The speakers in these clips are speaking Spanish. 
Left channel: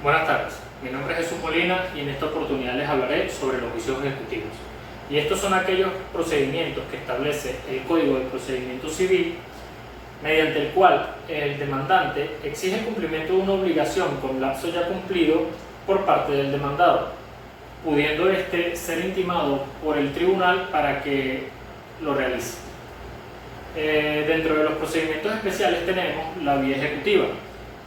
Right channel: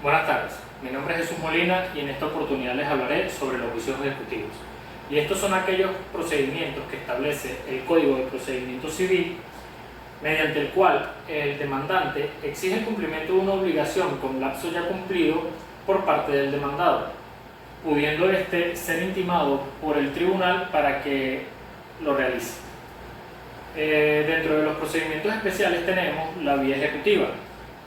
Buenas tardes, mi nombre es Jesús Molina y en esta oportunidad les hablaré sobre los juicios ejecutivos. Y estos son aquellos procedimientos que establece el Código de Procedimiento Civil, mediante el cual el demandante exige el cumplimiento de una obligación con lapso ya cumplido por parte del demandado, pudiendo éste ser intimado por el tribunal para que lo realice. Dentro de los procedimientos especiales tenemos la vía ejecutiva,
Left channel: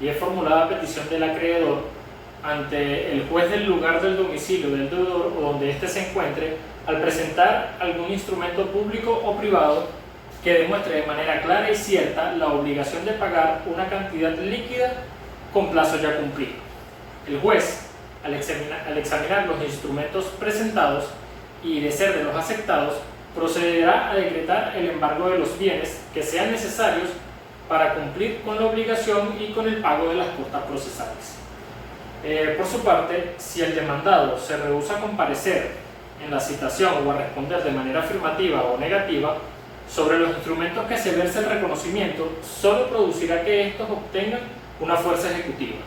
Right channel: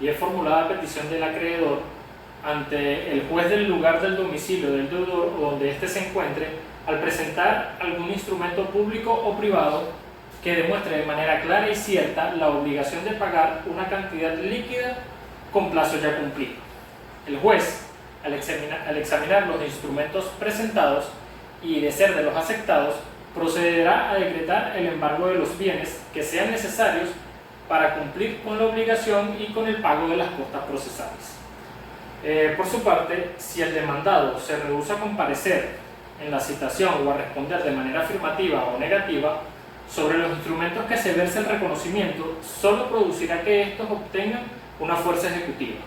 y es formulada a petición del acreedor ante el juez del lugar del domicilio del deudor o donde éste se encuentre, al presentar algún instrumento público o privado que demuestre de manera clara y cierta la obligación de pagar una cantidad líquida con plazo ya cumplido. El juez, al examinar los instrumentos presentados y de ser de los aceptados, procederá a decretar el embargo de los bienes que sean necesarios para cumplir con la obligación y con el pago de las costas procesales. Por su parte, si el demandado se rehúsa a comparecer en la citación o a responder de manera afirmativa o negativa sobre los instrumentos que se verse el reconocimiento, solo producirá que estos obtengan una fuerza ejecutiva.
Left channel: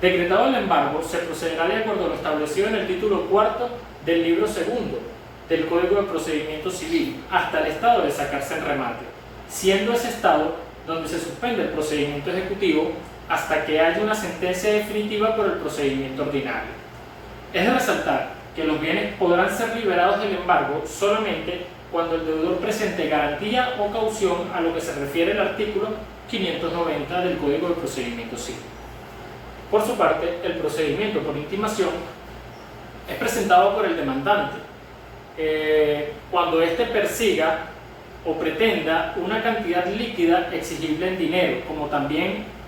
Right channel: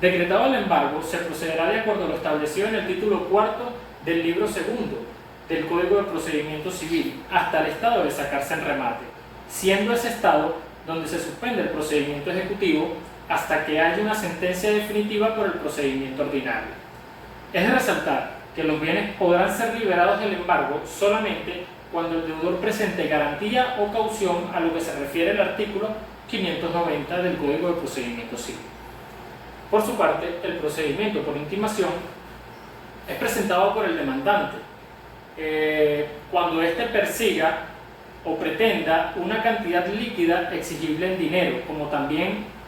Decretado el embargo, se procederá de acuerdo a lo establecido en el título cuarto del libro segundo del Código de Procedimiento Civil hasta el estado de sacarse en remate, siendo ese estado donde se suspende el procedimiento ejecutivo hasta que haya una sentencia definitiva por el procedimiento ordinario. Es de resaltar que los bienes podrán ser liberados del embargo solamente cuando el deudor presente garantía o caución, a lo que se refiere el artículo 590 del Código de Procedimiento Civil. Por su parte, el procedimiento por intimación es presentado por el demandante cuando éste persiga o pretenda una cantidad líquida exigible en dinero, como también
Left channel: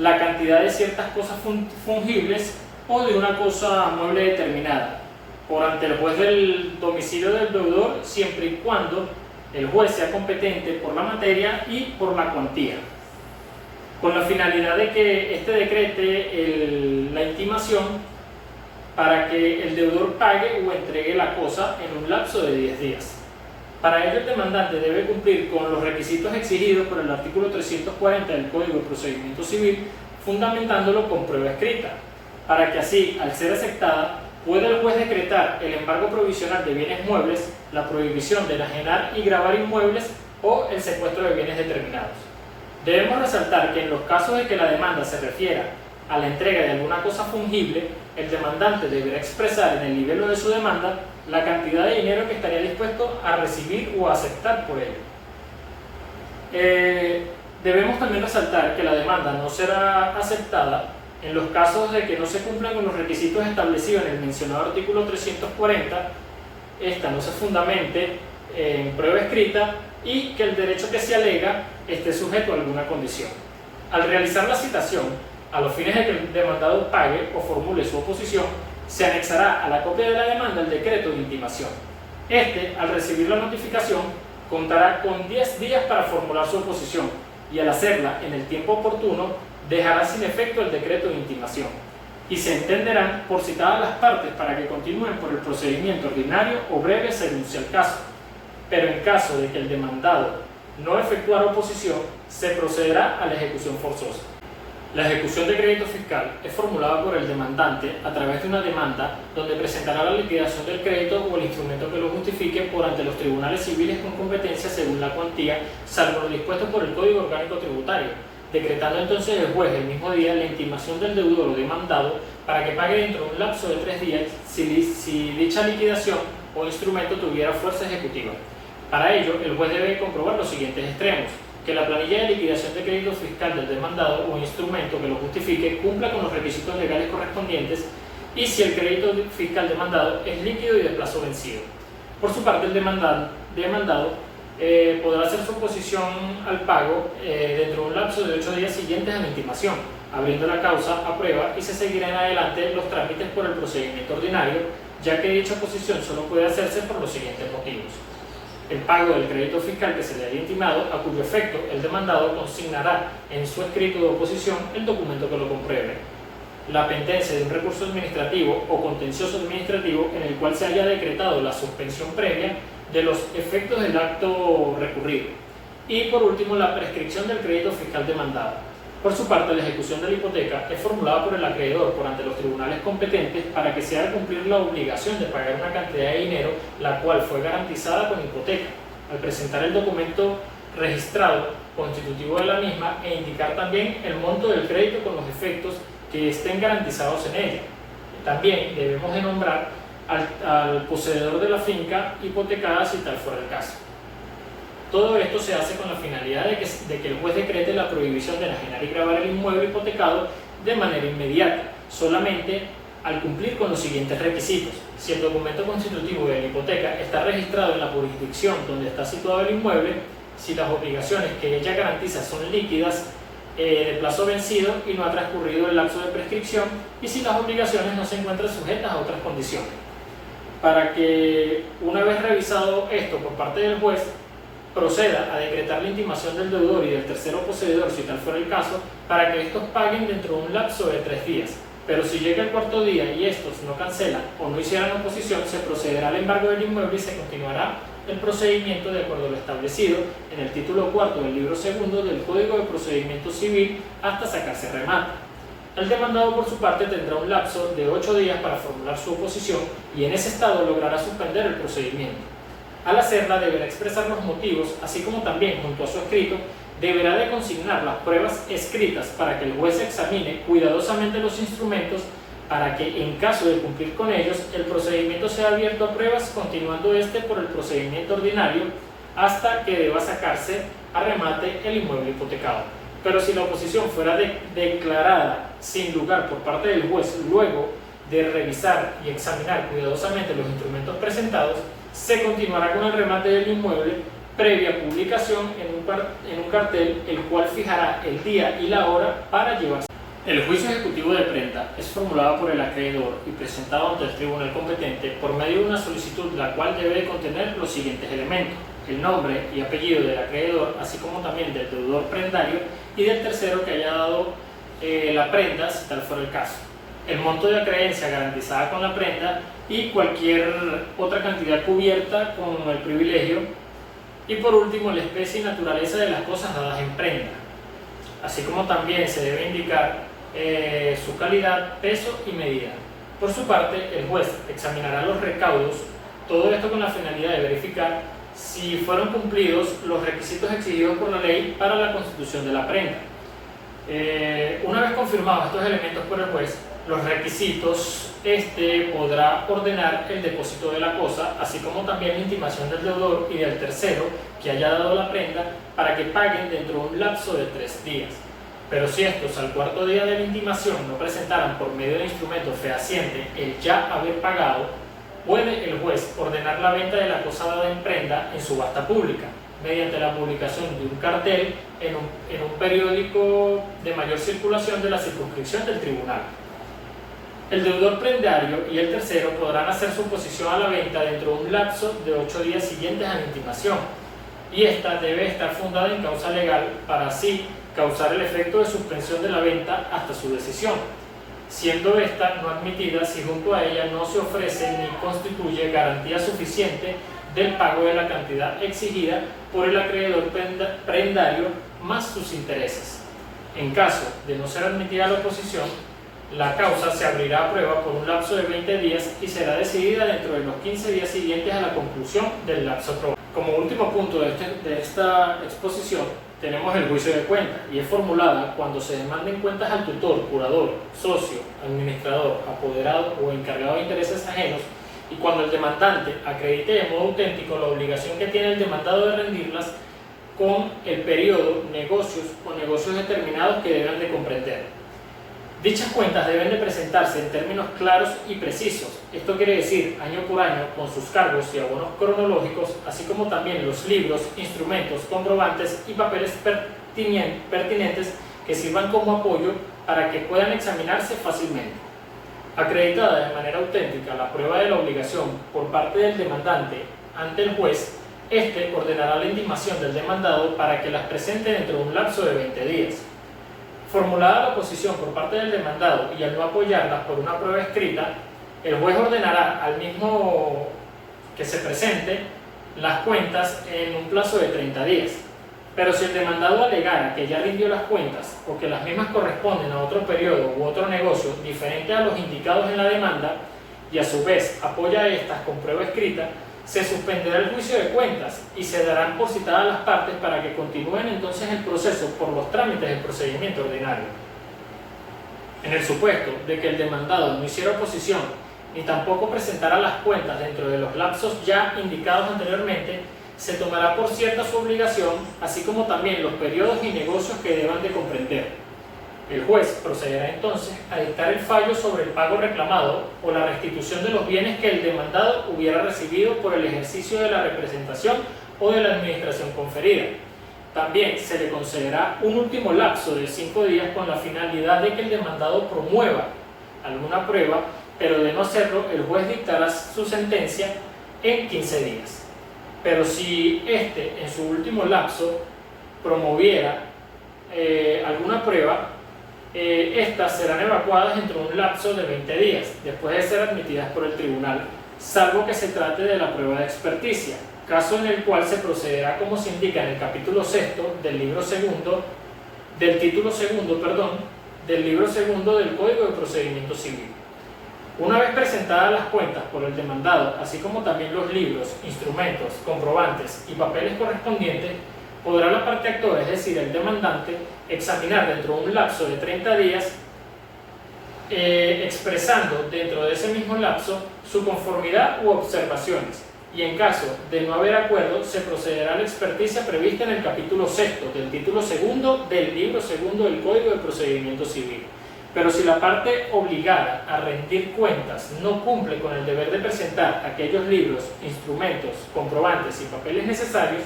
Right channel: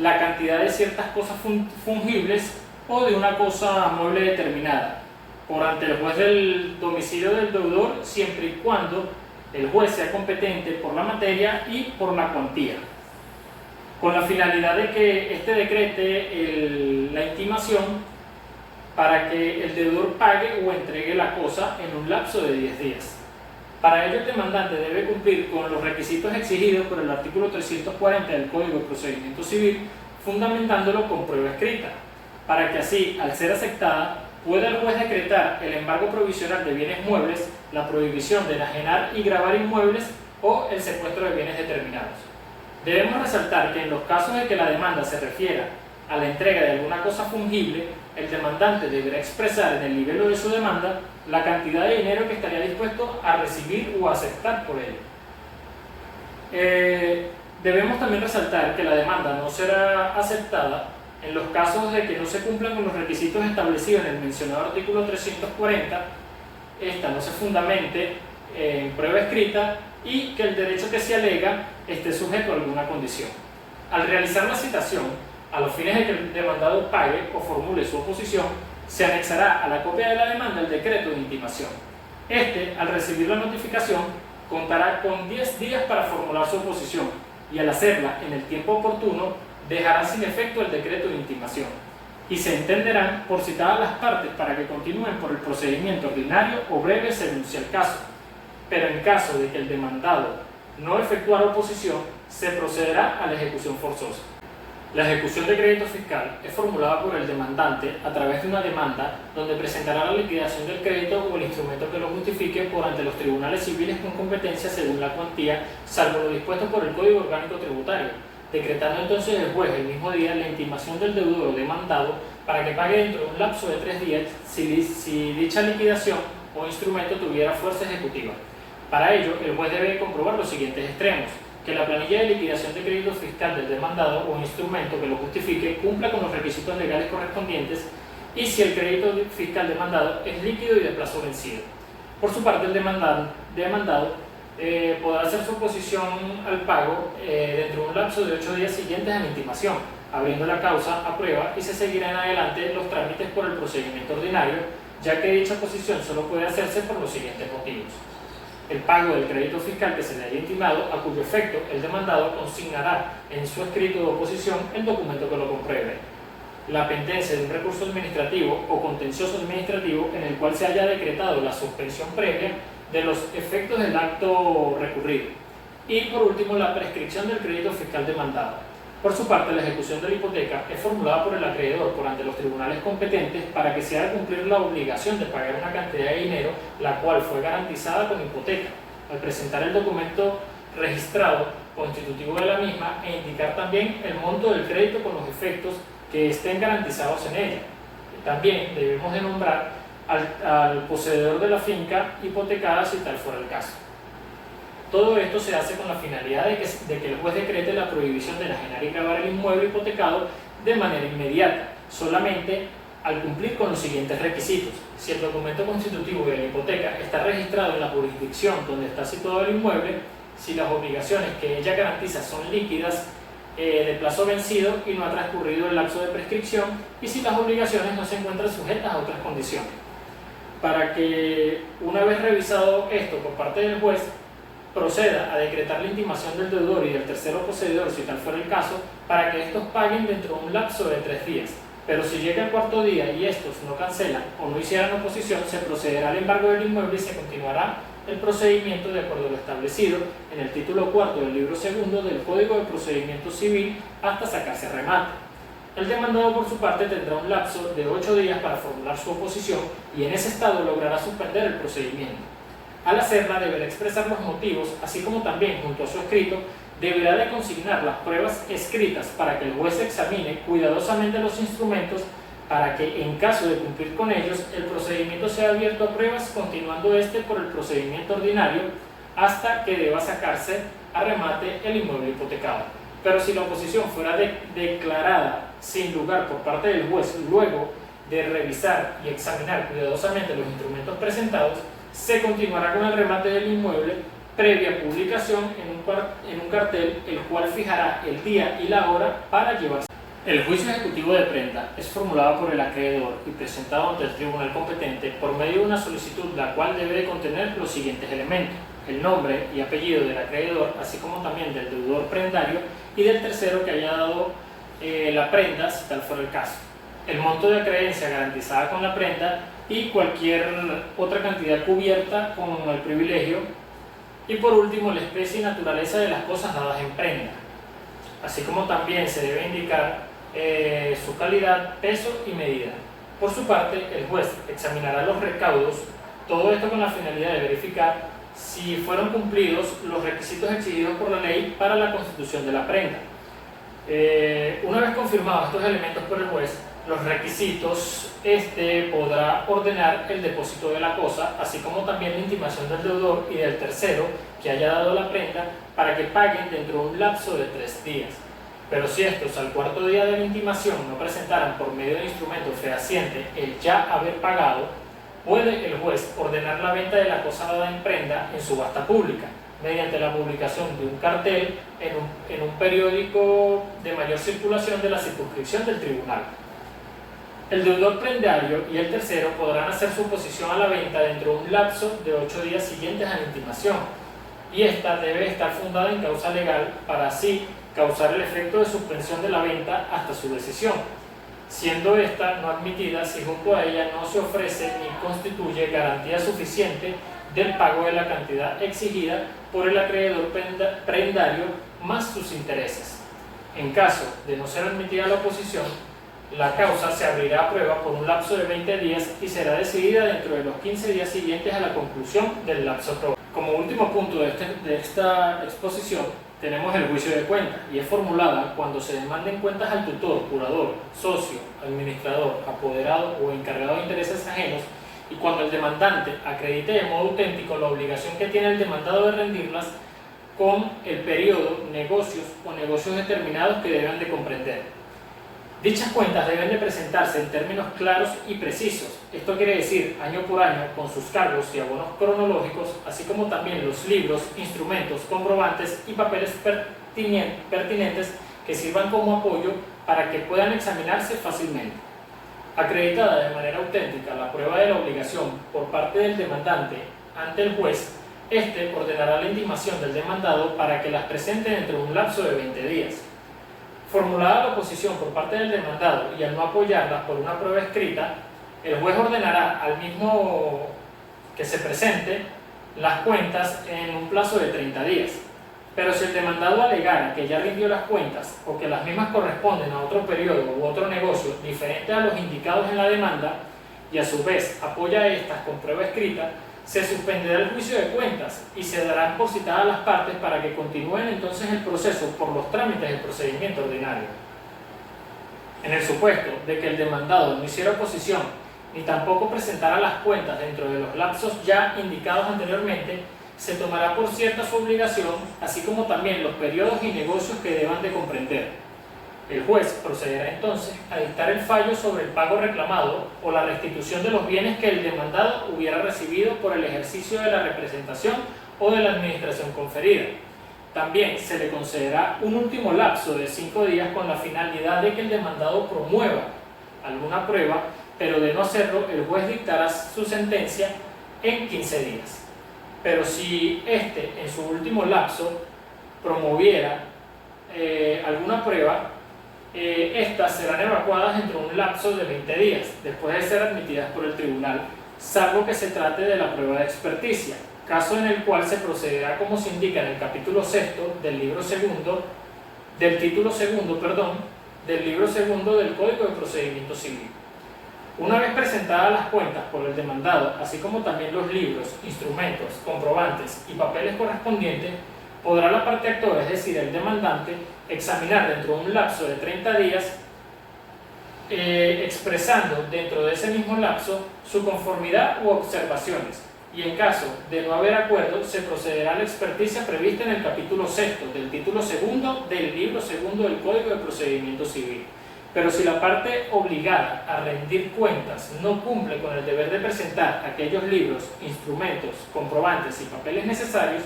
la cantidad de ciertas cosas fungibles o de una cosa mueble determinada, por ante el juez del domicilio del deudor, siempre y cuando el juez sea competente por la materia y por la cuantía, con la finalidad de que éste decrete la intimación para que el deudor pague o entregue la cosa en un lapso de 10 días. Para ello, el demandante debe cumplir con los requisitos exigidos por el artículo 340 del Código de Procedimiento Civil, fundamentándolo con prueba escrita, para que así, al ser aceptada, pueda el juez decretar el embargo provisional de bienes muebles, la prohibición de enajenar y gravar inmuebles o el secuestro de bienes determinados. Debemos resaltar que en los casos de que la demanda se refiera a la entrega de alguna cosa fungible, el demandante deberá expresar en el nivel de su demanda la cantidad de dinero que estaría dispuesto a recibir o a aceptar por él. Debemos también resaltar que la demanda no será aceptada en los casos de que no se cumplan con los requisitos establecidos en el mencionado artículo 340, esta no se fundamente en prueba escrita y que el derecho que se alega esté sujeto a alguna condición. Al realizar la citación, a los fines de que el demandado pague o formule su oposición, se anexará a la copia de la demanda el decreto de intimación. Este, al recibir la notificación, contará con 10 días para formular su oposición y al hacerla en el tiempo oportuno, dejará sin efecto el decreto de intimación y se entenderán por citadas las partes para que continúen por el procedimiento ordinario o breve según sea el caso. Pero en caso de que el demandado no efectuara oposición, se procederá a la ejecución forzosa. La ejecución de crédito fiscal es formulada por el demandante a través de una demanda donde presentará la liquidación del crédito o el instrumento que lo justifique por ante los tribunales civiles con competencia según la cuantía, salvo lo dispuesto por el Código Orgánico Tributario, decretando entonces el juez el mismo día la intimación del deudor o demandado para que pague dentro de un lapso de 3 días si dicha liquidación o instrumento tuviera fuerza ejecutiva. Para ello, el juez debe comprobar los siguientes extremos: que la planilla de liquidación de crédito fiscal del demandado o instrumento que lo justifique cumpla con los requisitos legales correspondientes y si el crédito fiscal demandado es líquido y de plazo vencido. Por su parte, el demandado podrá hacer su oposición al pago dentro de un lapso de 8 días siguientes a la intimación, abriendo la causa a prueba y se seguirán en adelante los trámites por el procedimiento ordinario, ya que dicha oposición solo puede hacerse por los siguientes motivos: el pago del crédito fiscal que se le haya intimado, a cuyo efecto el demandado consignará en su escrito de oposición el documento que lo compruebe; la pendencia de un recurso administrativo o contencioso administrativo en el cual se haya decretado la suspensión previa de los efectos del acto recurrido; y por último, la prescripción del crédito fiscal demandado. Por su parte, la ejecución de la hipoteca es formulada por el acreedor por ante los tribunales competentes para que se haga cumplir la obligación de pagar una cantidad de dinero la cual fue garantizada con hipoteca, al presentar el documento registrado constitutivo de la misma e indicar también el monto del crédito con los efectos que estén garantizados en ella. También debemos de nombrar al poseedor de la finca hipotecada si tal fuera el caso. Todo esto se hace con la finalidad de que el juez decrete la prohibición de enajenar y gravar el inmueble hipotecado de manera inmediata, solamente al cumplir con los siguientes requisitos. Si el documento constitutivo de la hipoteca está registrado en la jurisdicción donde está situado el inmueble, si las obligaciones que ella garantiza son líquidas, de plazo vencido y no ha transcurrido el lapso de prescripción, y si las obligaciones no se encuentran sujetas a otras condiciones. Para que, una vez revisado esto por parte del juez, proceda a decretar la intimación del deudor y del tercero poseedor, si tal fuera el caso, para que estos paguen dentro de un lapso de 3 días. Pero si llega el cuarto día y estos no cancelan o no hicieran oposición, se procederá al embargo del inmueble y se continuará el procedimiento de acuerdo a lo establecido en el título cuarto del libro segundo del Código de Procedimiento Civil hasta sacarse remate. El demandado, por su parte, tendrá un lapso de 8 días para formular su oposición y en ese estado logrará suspender el procedimiento. Al hacerla, deberá expresar los motivos, así como también, junto a su escrito, deberá de consignar las pruebas escritas para que el juez examine cuidadosamente los instrumentos para que, en caso de cumplir con ellos, el procedimiento sea abierto a pruebas, continuando este por el procedimiento ordinario hasta que deba sacarse a remate el inmueble hipotecado. Pero si la oposición fuera declarada sin lugar por parte del juez luego de revisar y examinar cuidadosamente los instrumentos presentados, se continuará con el remate del inmueble previa publicación en un cartel, el cual fijará el día y la hora para llevarse. El juicio ejecutivo de prenda es formulado por el acreedor y presentado ante el tribunal competente por medio de una solicitud, la cual debe de contener los siguientes elementos: el nombre y apellido del acreedor, así como también del deudor prendario y del tercero que haya dado la prenda, si tal fuera el caso, el monto de la creencia garantizada con la prenda y cualquier otra cantidad cubierta con el privilegio, y por último la especie y naturaleza de las cosas dadas en prenda, así como también se debe indicar su calidad, peso y medida. Por su parte, el juez examinará los recaudos, todo esto con la finalidad de verificar si fueron cumplidos los requisitos exigidos por la ley para la constitución de la prenda. Una vez confirmados estos elementos por el juez, los requisitos, podrá ordenar el depósito de la cosa, así como también la intimación del deudor y del tercero que haya dado la prenda para que paguen dentro de un lapso de 3 días. Pero si estos al cuarto día de la intimación no presentaran por medio de instrumento fehaciente el ya haber pagado, puede el juez ordenar la venta de la cosa dada en prenda en subasta pública, mediante la publicación de un cartel en un periódico de mayor circulación de la circunscripción del tribunal. El deudor prendario y el tercero podrán hacer su oposición a la venta dentro de un lapso de 8 días siguientes a la intimación, y esta debe estar fundada en causa legal para así causar el efecto de suspensión de la venta hasta su decisión, siendo esta no admitida si junto a ella no se ofrece ni constituye garantía suficiente del pago de la cantidad exigida por el acreedor prendario más sus intereses. En caso de no ser admitida la oposición, la causa se abrirá a prueba por un lapso de 20 días y será decidida dentro de los 15 días siguientes a la conclusión del lapso probado. Como último punto de esta exposición, tenemos el juicio de cuenta, y es formulada cuando se demanden cuentas al tutor, curador, socio, administrador, apoderado o encargado de intereses ajenos, y cuando el demandante acredite de modo auténtico la obligación que tiene el demandado de rendirlas con el periodo, negocios o negocios determinados que deben de comprender. Dichas cuentas deben de presentarse en términos claros y precisos. Esto quiere decir año por año con sus cargos y abonos cronológicos, así como también los libros, instrumentos, comprobantes y papeles pertinentes que sirvan como apoyo para que puedan examinarse fácilmente. Acreditada de manera auténtica la prueba de la obligación por parte del demandante ante el juez, ordenará la intimación del demandado para que las presente dentro de un lapso de 20 días. Formulada la oposición por parte del demandado y al no apoyarla por una prueba escrita, el juez ordenará al mismo que se presente las cuentas en un plazo de 30 días. Pero si el demandado alegara que ya rindió las cuentas o que las mismas corresponden a otro periodo u otro negocio diferente a los indicados en la demanda y a su vez apoya estas con prueba escrita, se suspenderá el juicio de cuentas y se darán por citadas las partes para que continúen entonces el proceso por los trámites del procedimiento ordinario. En el supuesto de que el demandado no hiciera oposición ni tampoco presentara las cuentas dentro de los lapsos ya indicados anteriormente, se tomará por cierta su obligación, así como también los periodos y negocios que deban de comprender. El juez procederá entonces a dictar el fallo sobre el pago reclamado o la restitución de los bienes que el demandado hubiera recibido por el ejercicio de la representación o de la administración conferida. También se le concederá un último lapso de 5 días con la finalidad de que el demandado promueva alguna prueba, pero de no hacerlo, el juez dictará su sentencia en 15 días. Pero si éste en su último lapso promoviera alguna prueba, estas serán evacuadas dentro de un lapso de 20 días, después de ser admitidas por el tribunal, salvo que se trate de la prueba de experticia, caso en el cual se procederá como se indica en el capítulo 6 del título segundo del libro segundo del Código de Procedimiento Civil. Una vez presentadas las cuentas por el demandado, así como también los libros, instrumentos, comprobantes y papeles correspondientes, podrá la parte actora, es decir, el demandante, examinar dentro de un lapso de 30 días, expresando dentro de ese mismo lapso su conformidad u observaciones, y en caso de no haber acuerdo, se procederá a la experticia prevista en el capítulo 6 del título segundo del libro segundo del Código de Procedimiento Civil. Pero si la parte obligada a rendir cuentas no cumple con el deber de presentar aquellos libros, instrumentos, comprobantes y papeles necesarios,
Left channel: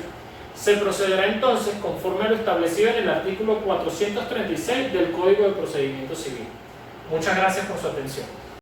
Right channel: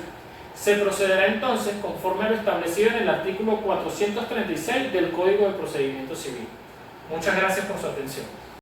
se procederá entonces conforme a lo establecido en el artículo 436 del Código de Procedimiento Civil. Muchas gracias por su atención.